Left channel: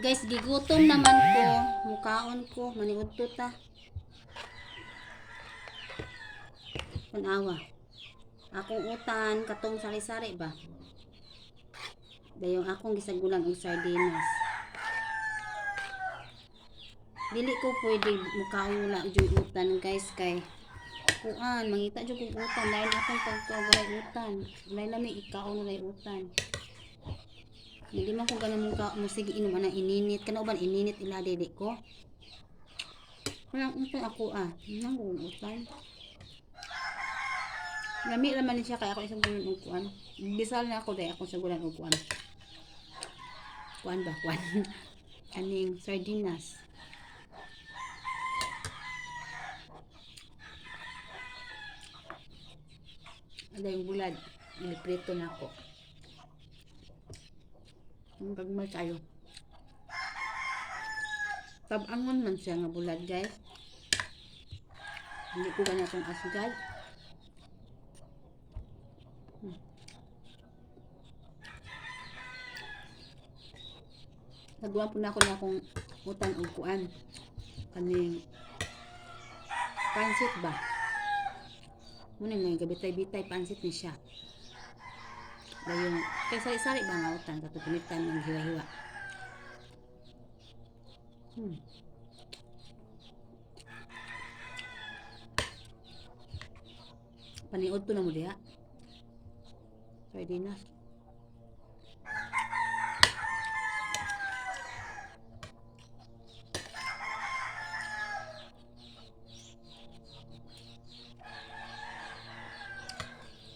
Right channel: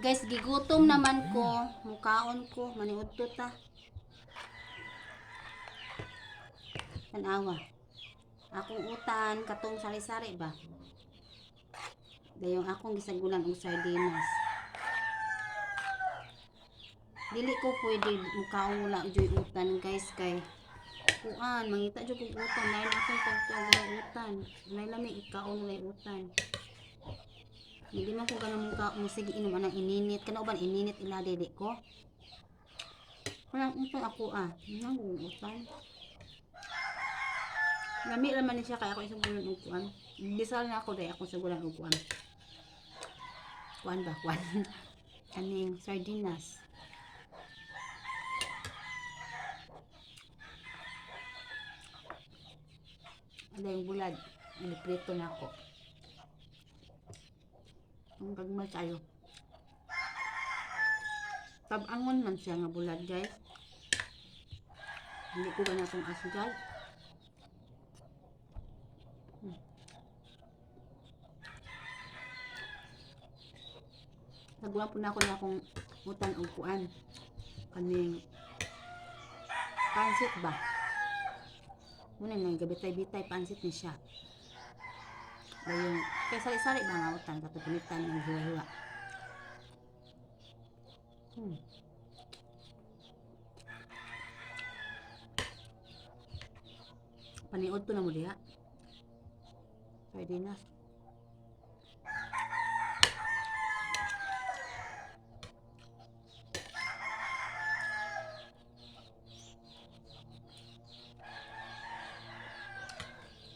Guys, gigutom naman ko. Mukaon ko. Maniudto ta. Tanawa. Akong utan. Katong sari-sari ba? Dayong akong gisagulan og sardinas. Dili ko pwede mukaon wala joy utan guys kay kuan mangita jud kog utan dahil akong pagtuog utan. Walay lami ikaon walay utan. Hindi man ko ganun mong musigi inom anang ininit. Kana uban ininit ila dili ko. Kanang utan ako nang utan. Lami naman ni siya kaya ako isang gulan og kuan. Bisal na ako dai ako sa gulan og kuan. Kuan ba kuan. Kaning sardinas. Ada yung bulad. Iliprito na ako. Ang gagmay kayo. Tabangon man siya nga bulad guys. Hindi ko ganyan itong asgad. Nagawin po na ako na akong utang og kuan. Kaning pansit ba? Muna nga gabitay-bitay pansit ni siya. Dayon kay sari-sari ba nga utang kato pinitan ng hiwa-hiwa. Paniod to na mo diha. Sardinas.